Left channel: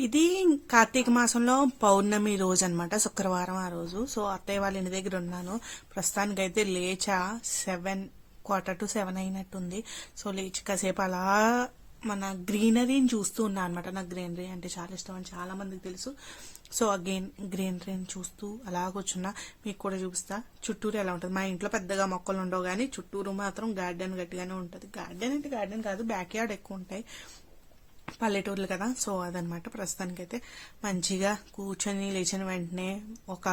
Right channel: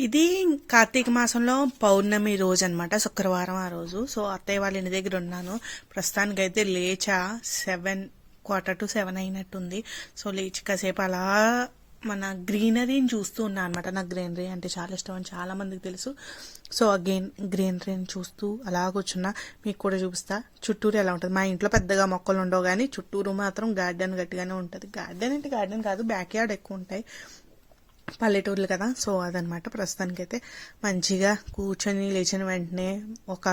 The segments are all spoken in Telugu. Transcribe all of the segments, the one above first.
ఇది కార్తీక మాసంలో పౌర్ణమి రోజు అనమాట శుక్రవారం ఆ రోజు. సో అత్తయ్య వాళ్ళ ఇంటి దగ్గర ఉన్నాను. ప్రస్తుతానికి అయితే లేచా సెవెన్ క్వార్టర్ టు సెవెన్ అయినట్టుంది. సో లేచి కాసేపు అలా మన గ్రీనరీని చూస్తూ ఉన్నా అనమాట నాకు గ్రీనరీ అంటే చాలా ఇష్టం అని చాలా మందికి తెలుసు. సో ఆ గ్రీన్ గ్రీనరీని చూస్తూ అలా కూర్చున్నా. మీకు కూడా చూపిస్తా. చుట్టూరు ఎలా ఉంటుంది? మా ఇంట్లో పెద్దగా మొక్కలు ఉండవు కానీ చుట్టూరు మాత్రం గార్డెన్ గట్టిగానే ఉంటుంది. గార్డెన్ అంటే గార్డెన్ కాదు బ్యాక్ యార్డ్ ఎక్కువ ఉంటాయి. పల్లెటూర్లు కదా సో అదనమాట ప్రస్తుతానికైతే. మంచిగా కూర్చొని లేచిన వెంటనే ఒక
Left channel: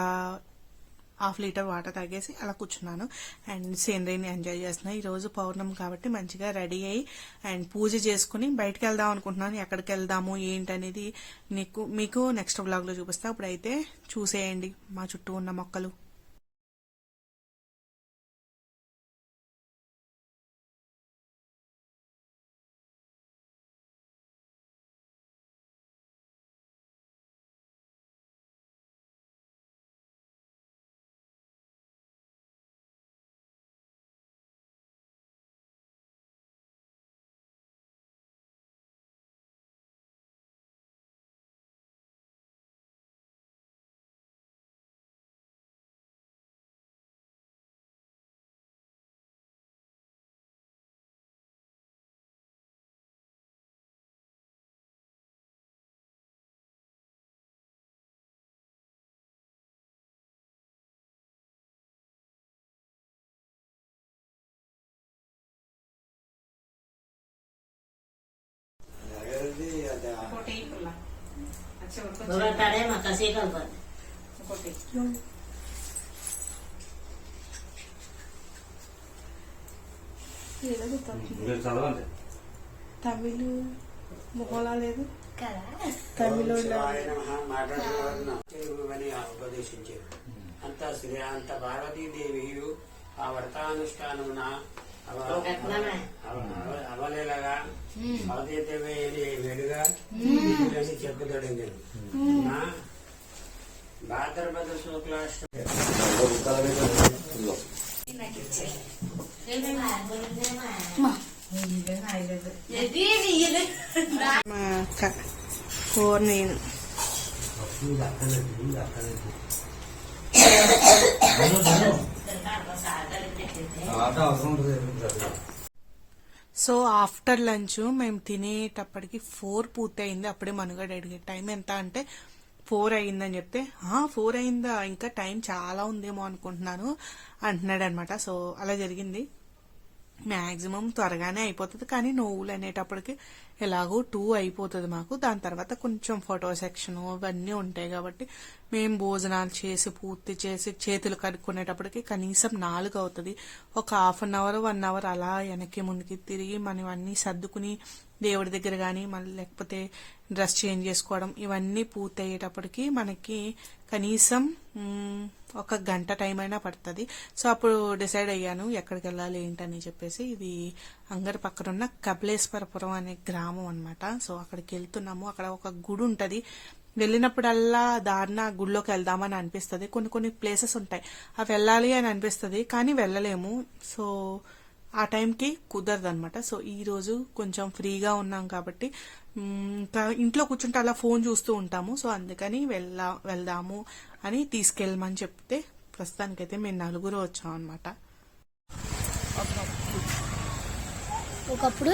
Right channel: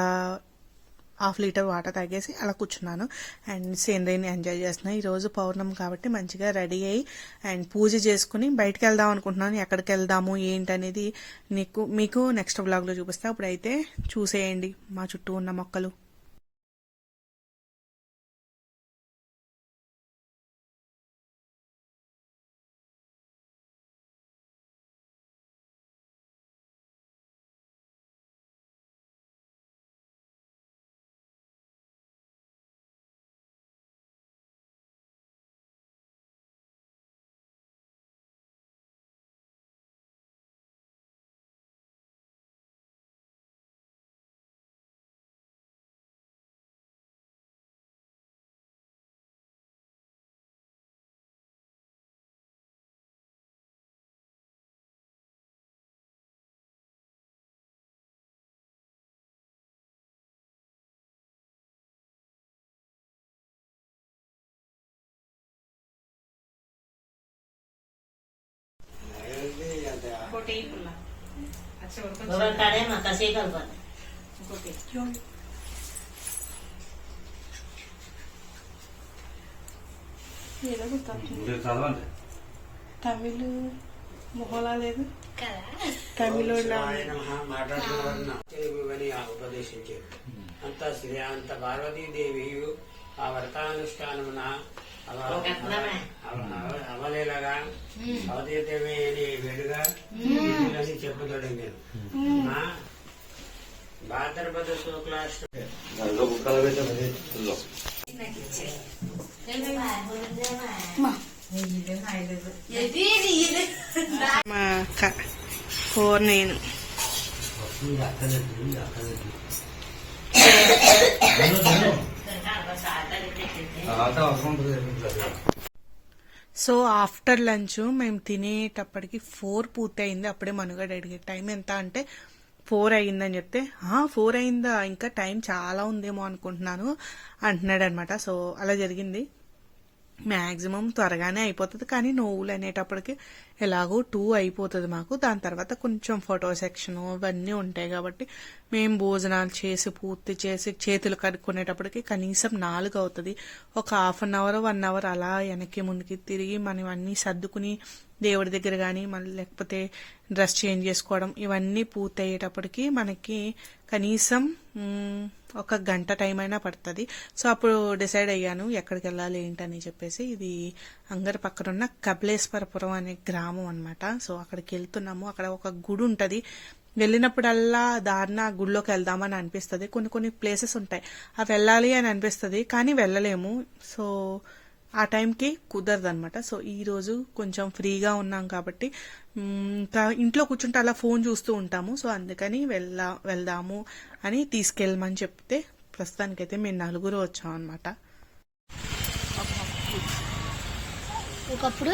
హాఫ్ లీటర్ వాటర్ తాగేసి అలా కూర్చున్నాను. అండ్ సీనరీని ఎంజాయ్ చేస్తున్నాను ఈరోజు పౌర్ణమి కాబట్టి మంచిగా రెడీ అయ్యి అండ్ పూజ చేసుకుని బయటకు వెళ్దాం అనుకుంటున్నాను. ఎక్కడికి వెళ్దాము ఏంటి అనేది నీకు మీకు నెక్స్ట్ బ్లాగ్లో చూపిస్తా. అప్పుడైతే చూసేయండి మా చుట్టూ ఉన్న మొక్కలు. చదవండి. తమిళ మొహలా లేదు. తమిళ ఉపదేశించారు. అంత శ్రీ అంత పార్వతీదేవియు ఆ వ్రతానుష్ఠానమున అవలేలగా అవతీతమే వెలుగా అని చెప్పుతాడు నేను నా భాద్రపద శుక్లాష్టమి మా అక్క ఫోర్ నేను. అవసరం ఉంటుంది. సో ఆఫ్టర్ లంచ్ మేము తినేటప్పటికి ఫోర్ పూర్తి అయింది అప్పుడే మనుగడ అడిగే టైం ఎంత? అంటే ఫోర్ అయిందని చెప్తే ఫోర్ అయిందా? ఇంకా టైం చాలా ఉందేమో అనుకుంటున్నాను అంటున్నాడు అనమాట సో అలా జరిగింది. మ్యాక్సిమం త్వరగానే అయిపోతుంది. కానీ నోవులు అనేటప్పటికి ఎలాగో టూ అయిపోతుంది మాకు. దాని తర్వాత కొంచెం ఫోటో సెక్షన్ ఇవన్నీ ఉంటాయి కాబట్టి మేము భోజనాలు చేసి పూర్తి చేసి చేతులు కడుక్కునేటప్పటికి కనీసం నాలుగు అవుతుంది. ఒక half an hour one hour అలా వెనక్కి ముందుకి తిరిగి మనం అన్నీ సర్దుకుని దేవుడి దగ్గర కానీ మళ్ళీ లేకపోతే డ్రెస్ చేంజ్ చేసుకోవడం ఇవన్నీ పూర్తి అయ్యేటప్పటికి మనకి కనీసం ఒక గంట టైం అయినా పడుతుంది. సో అప్పుడు డిసైడ్ అయ్యాను ఎక్కడికి వెళ్ళాలి ఏంటని చెప్పేసి ఇది అంగర్ పక్కనున్న కపిలేశ్వరపురం అనే గ్రామం అనమాట సో అక్కడికి వెళ్తున్నాము. అక్కడ ఒక గుడి ఉంటుంది. వెళ్ళినప్పుడల్లా దారిన గుడిలోకి వెళ్దామని అనిపిస్తుంది. కొన్ని కొన్ని ప్లేసెస్ ఉంటాయి. అవి వెళ్ళాలి అని అనిపిస్తుంది కానీ వెళ్ళలేము. సో ఆ టైంకి కుదరదు అనమాట సో ఈ రోజు కొంచెం ఫ్రీగా ఉన్నాం కాబట్టి ఇంకా ఇంట్లో కూర్చుంటే అలా ఫోన్ చూస్తూ ఉంటాము. సో అందుకని వెళ్ళా వెళ్దాము అని తీసుకెళ్ళమని చెప్తే ప్రస్తుతానికైతే మేము నలుగురు వచ్చాం అనమాట ఒకప్పుడు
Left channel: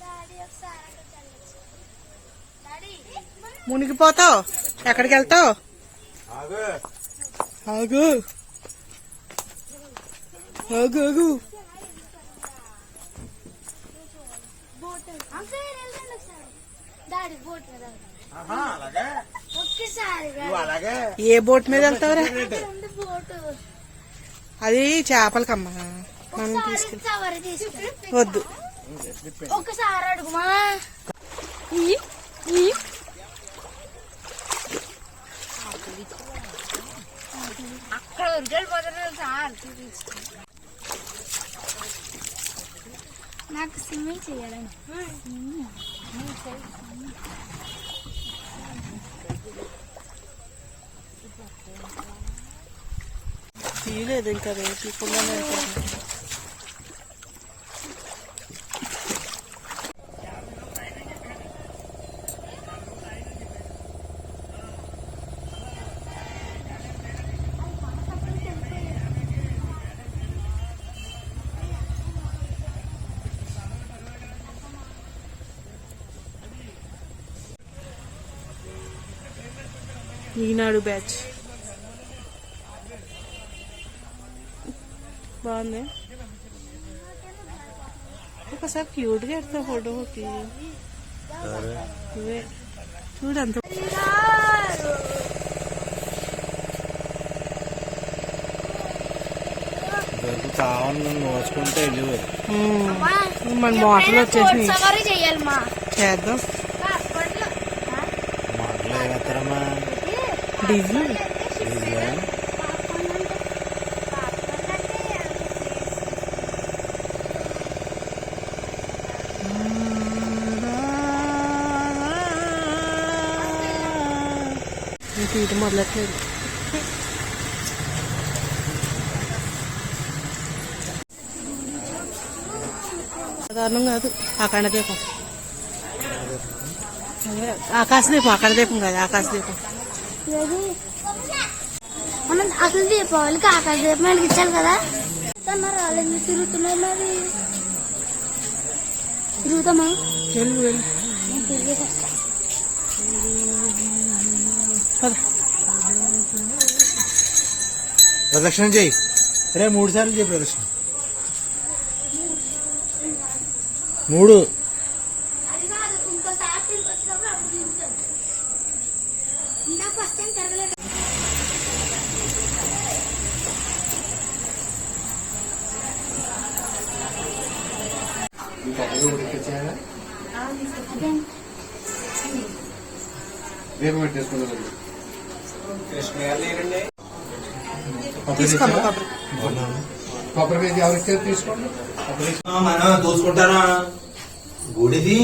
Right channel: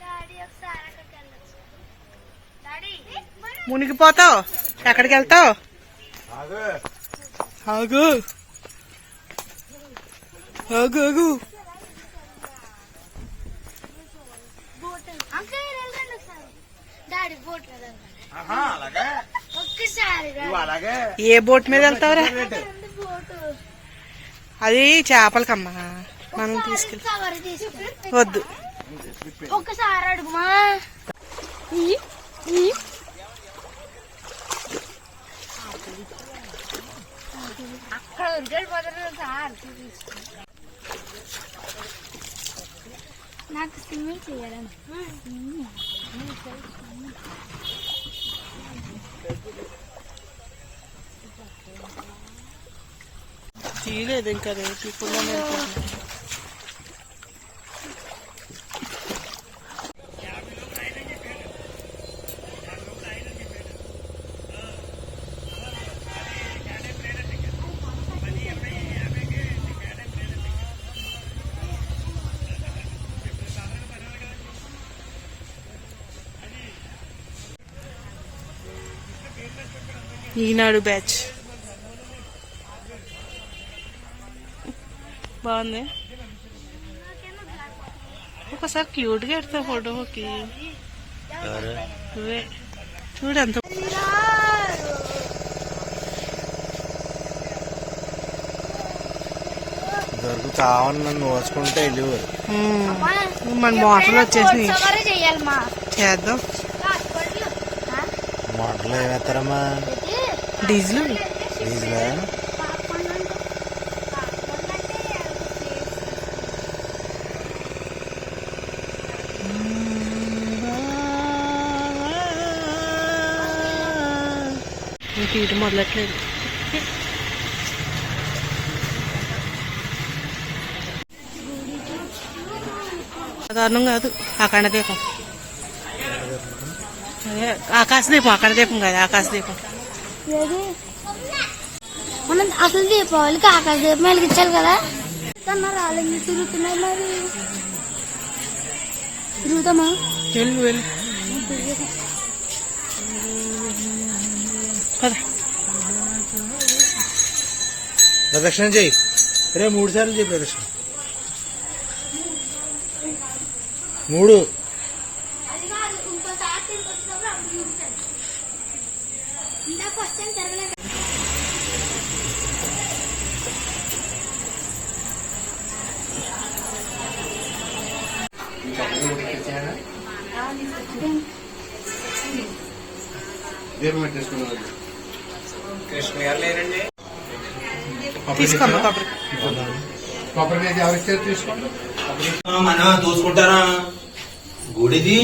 డాడీ ఒకసారి అక్కడికి వెళ్ళొచ్చు డాడీ మునిగిపోతావు? ఎక్కడికి వెళ్తావు ఆగు. ఆగు ఆగు. ఏ బోట్ మీద వెళ్తావురా? అది చేపలకమ్మా. మనం తీసుకెళ్ళి వద్దు. ఒక్కసారి అడుగుమా? అక్కడ సార్ నాకు స్విమ్మింగ్ చేయడం. తీయలేదు ఇంకా రేపు. ఇప్పుడులోనే ఈనాడు బ్యాచ్. బాగుంది. ఒకసారి క్యూట్గా ఎడతా ఫోటోకి. నువ్వే. చూడు అంత. దొరికి కావాలి నన్ను మోసుకుంటే వెళ్ళిపోరు మన మోటార్లు వచ్చేసినాయి. చేద్దాం. మాటలు వేస్తారమ్మా డీజిల్ డీజిల్ ఇంక ఇటు మొదలట్లేదు సాధారణం కాదు అఖండ దీపం అదే ఆకాశ దీపం అఖండ దీపం కాదు ఆకాశ దీపం ఏది? మనం అసలు దీపావళికి ఆకాశ దీపం వెలిగించాలి కదా. కన్నా రాలేదు తిరుగుతున్నాయి మరి. తిరుగుతామా? వెళ్ళు వెళ్ళు. తిరుగుతాం. పద. ప్రదక్షిణ చెయ్యి రే మూడు సార్లు చెయ్యి ప్రదక్షిణ. మూడు అది కాదు ఇంకోసారి తిరిగి వచ్చినప్పుడు అప్పుడు తిరుగుతాను ఇందాక ఫస్ట్ టైం తిరగలేదు తీసుకోమ్మ కొబ్బరి. కొబ్బరి మీద ఎవరిస్తే తీసుకోండి. మనం చూసుకుంటారా గుడిది?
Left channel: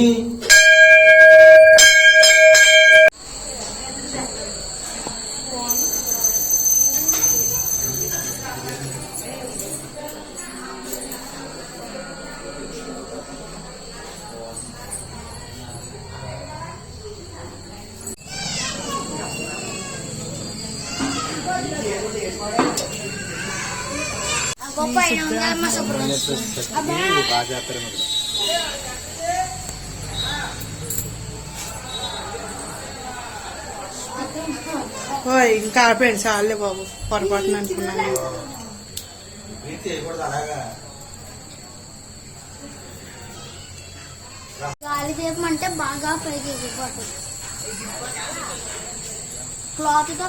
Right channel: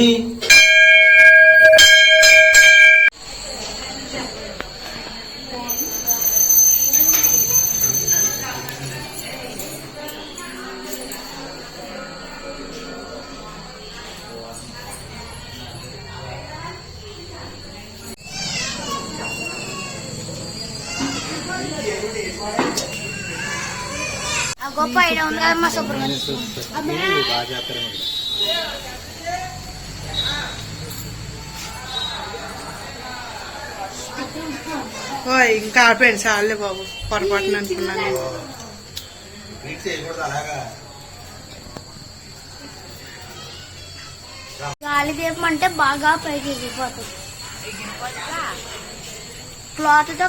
సుబ్రహ్మణ్యం బాగా చేస్తారు ఓయ్ ఇంకా ఆపేయండి చాలే బాబు పొరపాటున అనుకున్నాను. గాలి దీపం అంటే బాగా పైకి ఎగిరిపోతుంది. క్లాత్తో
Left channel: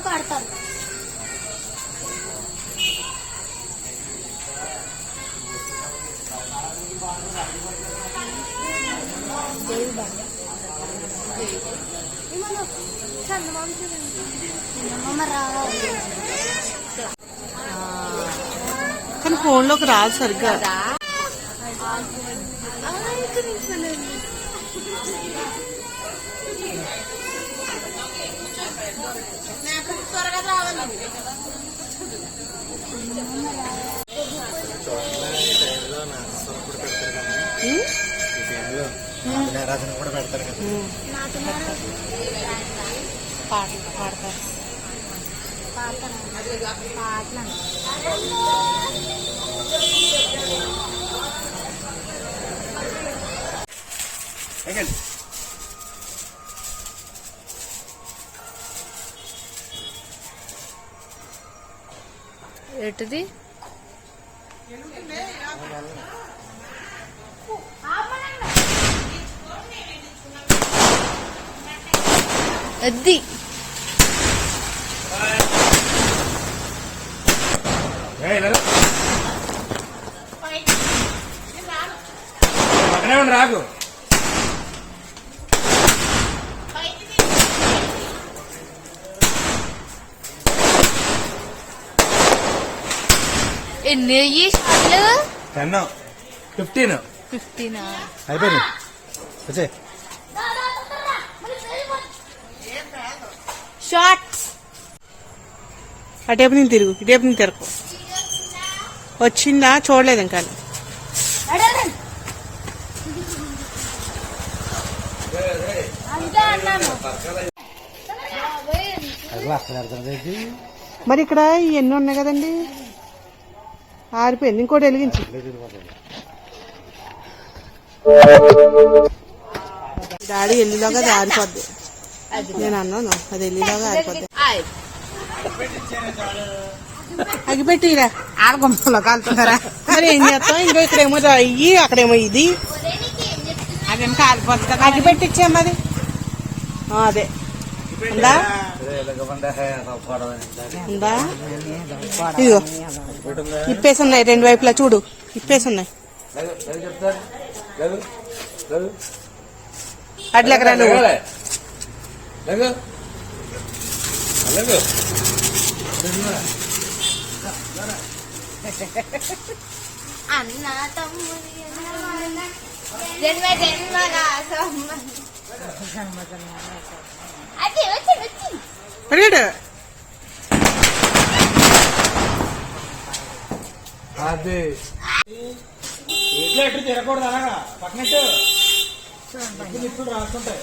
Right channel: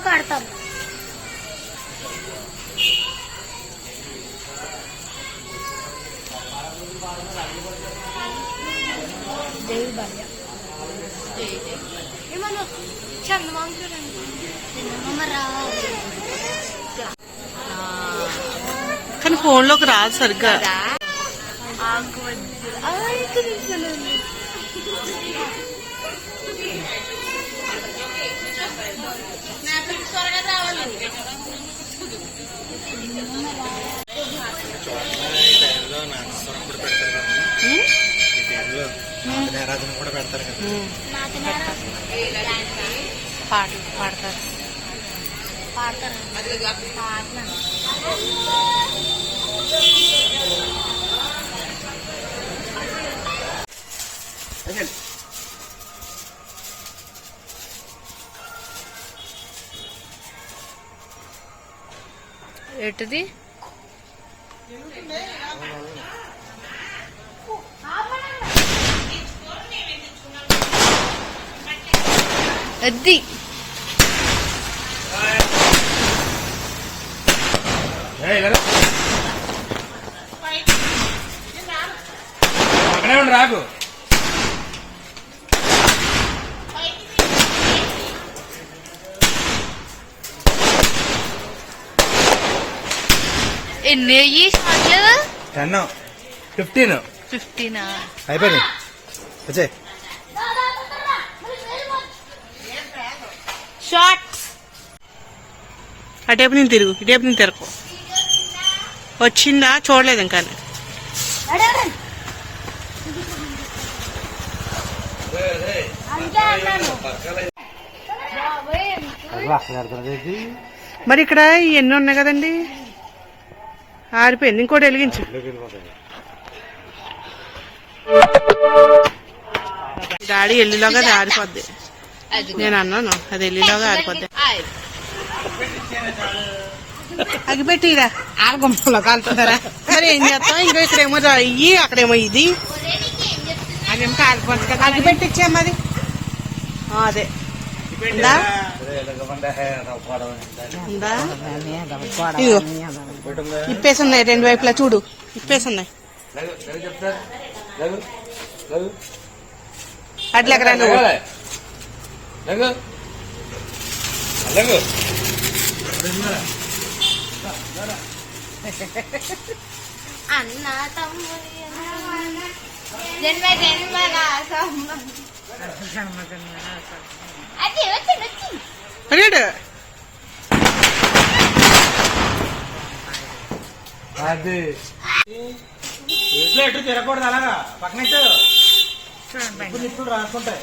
ఏమన్నా చందమామ చూడండి చందమామ రావాలి కానీ ఫోన్లోకి రాదు? సరిగ్గా నేరాజన కూడా పెడతారు కదా. పాటలు పాడతారు. ఎటుది అది. అక్కడే ఉండి రాకు. ఎన్ని అయ్యి? షాట్లు టెన్. ఫిఫ్టీన్? అయిపోయింది. వచ్చే. షార్ట్స్. అటేపు నేను తిరుగు ఇటేపు నేను తిరగ వచ్చిందా? చూడలేదు ఇంకా మరి ఇక్కడ ఎన్ని ఉన్నాయి కదండి? ఆరిపోయింది ఇంకోటి వెలిగించి. డాడీ ఎల్లులో కదా ఆరిపోద్ది. నేను అన్నాను అది ఎల్లులాగా ఆరిపోద్ది అగిపెట్టిరా ఆడగొమ్మలో కాలుతుందరా. మరి ఏం చేస్తాం ఇంకా ఇక్కడేమో అయ్యి అక్కడేమో ఇది. అగిపెట్టిచ్చా మరి. ఆ, అదే. ఉందా? ఉందా? ఇగో ఇప్పేసి ఉన్నాయి రెండు వైపులా చూడు. ఇప్పేసి ఉన్నాయి అన్న జన్మ జన్మగా అది. వచ్చి వచ్చి అడిగాడు అది ఎటు తిరగకూడదు అలాగా? పక్కన ఇటు. ఇప్పుడు ఇప్పుడు రాసుకుంటాయి.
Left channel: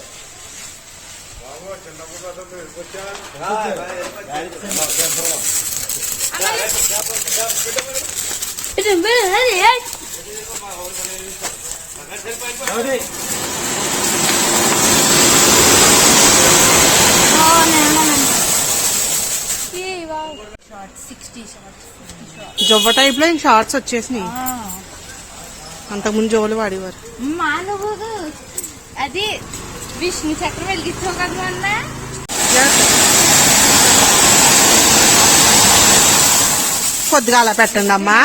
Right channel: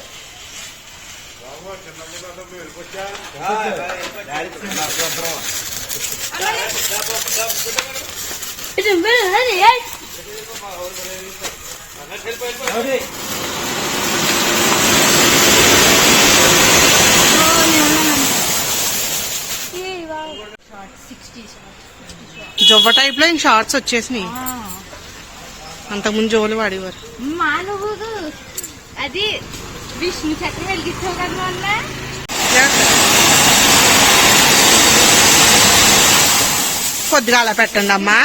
జొవ్వ టైప్లో షార్ట్స్ వచ్చేసినాయి. అంతకుముందు జోలు వాడేవారు. అది విష్ణు చక్రం వెలిగించావు కదా మొన్న కొద్దిగా అలా పెట్టండి అమ్మా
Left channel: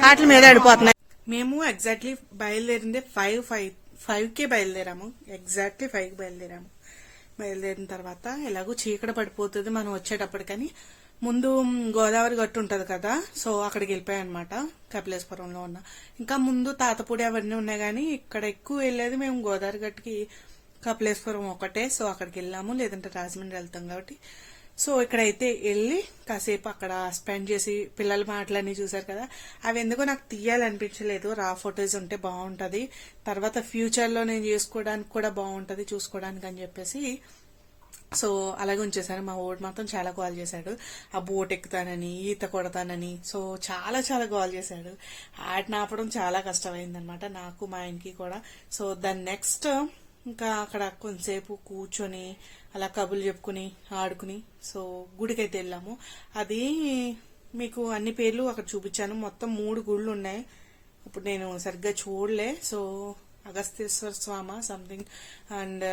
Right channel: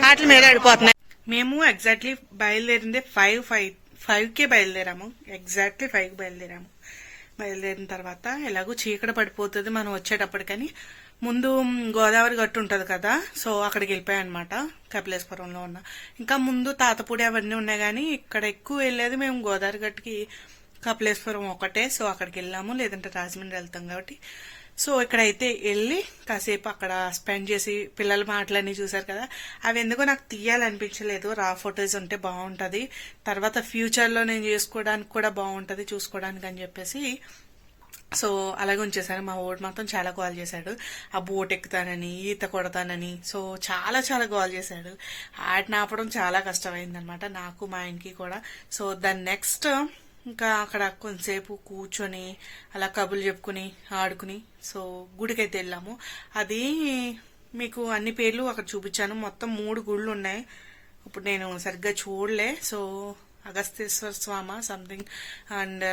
వాటి మీద పడిపోతున్నాయి మేము ఎగ్జాక్ట్లీ బయలుదేరింది ఫైవ్ ఫైవ్ ఫైవ్ కే బయలుదేరాము. ఎగ్జాక్ట్లీ ఫైవ్కి బయలుదేరాము. బయలుదేరిన తర్వాత ఎలాగో చీకట పడిపోతుంది మనం వచ్చేటప్పటికని ముందు గోదావరి గట్టు ఉంటది కదా సో అక్కడికి అనమాట కపిలేశ్వరంలో ఉన్న. ఇంకా ముందు తాతపూడి అవన్నీ ఉన్నాయి కానీ ఇక్కడ ఎక్కువ వెళ్ళేది మేము గోదావరి గట్టుకి కపిలేశ్వరం ఒకటే సో అక్కడికి వెళ్ళాము. లేదంటే రాజమండ్రి వెళ్తాం కాబట్టి. సో ఇక్కడైతే వెళ్ళి కాసేపు అక్కడ స్పెండ్ చేసి పిల్లల మాటలన్నీ చూశారు కదా. అవి ఎందుకో నాకు తీయాలనిపించలేదు. రా ఫొటోస్ ఉంటే బాగుంటుంది. తర్వాత ఫ్యూచర్లో నేను చేసుకోవడానికి కూడా బాగుంటుంది చూసుకోవడానికి అని చెప్పేసి. సో అలాగే ఉంచేసాను మా ఓడి మాత్రం చాలా కాల్ చేశాడు. ఆ బోట్ ఎక్కుతానని ఈత కొడతానని. సో చాలా చాలా కాల్ చేశాడు. ఆటనాపడం ఆపడం చాలా కష్టమైందనమాట నాకు మా ఆయనకి కూడా. సో దాని నెక్స్ట్ ఇంకా అక్కడ కొంతసేపు కూర్చొని అలా కబుర్లు చెప్పుకుని ఆడుకుని సో గుడికైతే వెళ్ళాము. అది మీకు అన్ని పేర్లు అక్కడ చూపించాను. మొత్తం మూడు గుళ్ళు ఉన్నాయి. ఇప్పుడు నేను సరిగ్గా చూడలే. So Agasteshwara Swami something and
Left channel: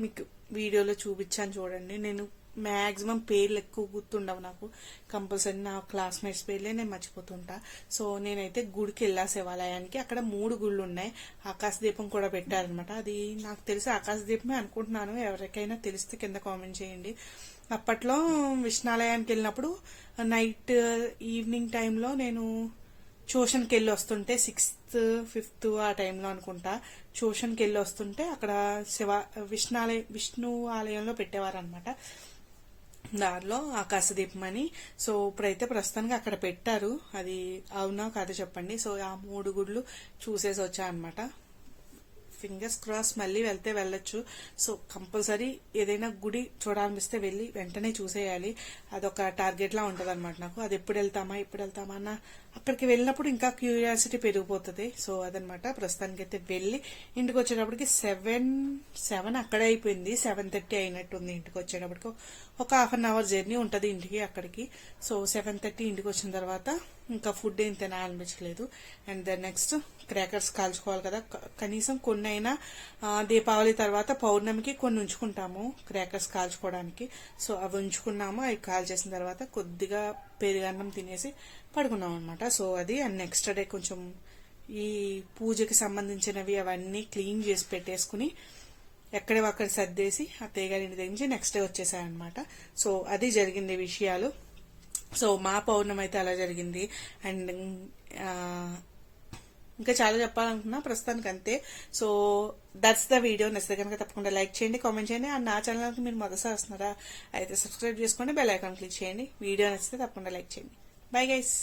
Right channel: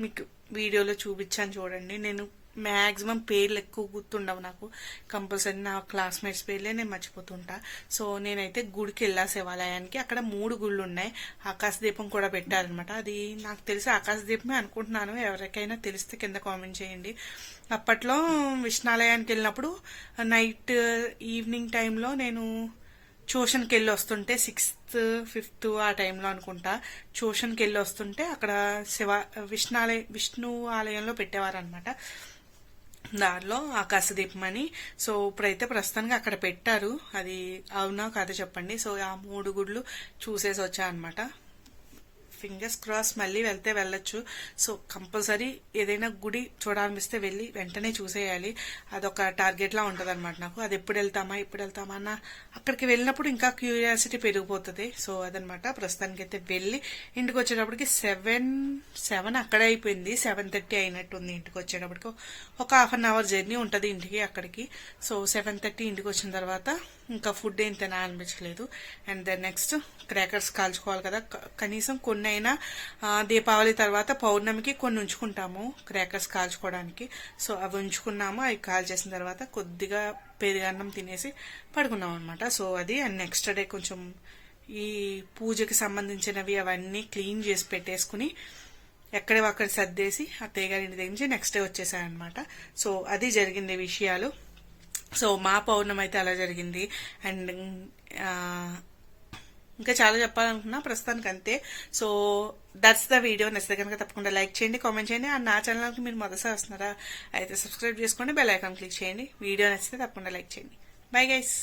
మీకు వీడియోలో చూపించాను చూడండి. నేను మ్యాక్సిమం పేర్లు ఎక్కువ గుర్తుండవు నాకు. కంపల్సరీ నా క్లాస్మేట్స్ పేర్లే నేను మర్చిపోతుంటా. సో నేనైతే గుడికి వెళ్ళా శివాలయానికి అక్కడ మూడు గుళ్ళు ఉన్నాయి ఆకాశ దీపం కూడా పెట్టారనమాట అది నాకు తెలిసి ఆకాశ దీపమే అనుకుంటున్నాను. ఎవరికైనా తెలిస్తే కింద కామెంట్ చేయండి. అప్పట్లో విష్ణాలయానికి వెళ్ళినప్పుడు నైట్ ఈవినింగ్ టైంలో నేను ట్యూషన్కి వెళ్ళి వస్తుంటే సిక్స్త్ ఫిఫ్త్ ఆ టైంలో అనుకుంటా. ట్యూషన్కి వెళ్ళి వస్తుంటే అక్కడ శివ విష్ణాలయ విష్ణు ఆలయంలో పెట్టేవారనమాట దారిలో ఆకాశదీపం అని. సో ఇప్పుడైతే ప్రస్తుతానికి అక్కడ పెట్టారు. అది అవునా కాదో చెప్పండి. సో ఆ మూడు గుడ్లు చూసేసి వచ్చా అనమాట ఫింగర్స్ క్రాస్ మళ్ళీ వెళ్తే వెళ్ళొచ్చు. సో కంపల్సరీ ఏదైనా గుడి చూడాలనిపిస్తే వెళ్ళి వెంటనే చూసేయాలి. అదొక టార్గెట్ లా ఉంటది అనమాట నాకు. అది ఎప్పుడు వెళ్తామా ఎప్పుడు వెళ్తామా అన్న అక్కడికి వెళ్ళినప్పుడు ఇంకా క్యూరియాసిటీ పెరిగిపోతుంది. సో అదనమాట ప్రస్తుతానికి అయితే వెళ్ళి ఇంటికి వచ్చేటప్పటికి సెవెన్ సెవెన్ అక్కడే అయిపోయింది. సెవెన్ థర్టీ అయినట్టుంది ఇంటికి వచ్చేటప్పటికి ఒక హాఫ్ అన్ అవర్ జర్నీ ఉంటుంది ఇంటికి అక్కడికి. సో సెవెన్ థర్టీ ఇంటికి వచ్చిన తర్వాత ఇంకా ఫుడ్ ఏం తినాలనిపించలేదు. అండ్ దెన్ నెక్స్ట్ క్రాకర్స్ కాల్చుకోవాలి కదా. కనీసం కొన్ని అయినా దీపావళి తర్వాత పౌర్ణమికి కొన్ని ఉంచుకుంటాము క్రాకర్స్ కాల్చుకోవడానికి. సో అవి ఉంచుకున్నాము అవి కాల్ చేసిన తర్వాత కొద్దిగా పెరుగన్నం తినేసి పడుకున్నాం అనమాట సో అది అండ్ నెక్స్ట్ డే కొంచెం ఈ పూజకి సంబంధించినవి అవన్నీ క్లీన్ చేసి పెట్టేసుకుని ఎక్కడే అక్కడ సర్దేసి అత్తయ్య గారి ఇంటి దగ్గర నుంచి నెక్స్ట్ డే వచ్చేసాయనమాట సో అది జరిగింది విషయాలు. సో మా పౌర్ణమి అయితే అలా జరిగింది. అండ్ ఇంకా చాలా చెప్పాలనుకున్నా ప్రస్తుతానికి అంతే సో దట్స్ ద వీడియో. నచ్చితే కనుక తప్పకుండా లైక్ చేయండి కామెంట్ చేయండి. అండ్ నా ఛానల్కి మీరు మొదటిసారి వస్తున్నారా అయితే సబ్స్క్రైబ్ చేసుకోండి బెల్ ఐకాన్ క్లిక్ చేయండి. వీడియో నచ్చితే తప్పకుండా లైక్ చేయండి. Bye guys.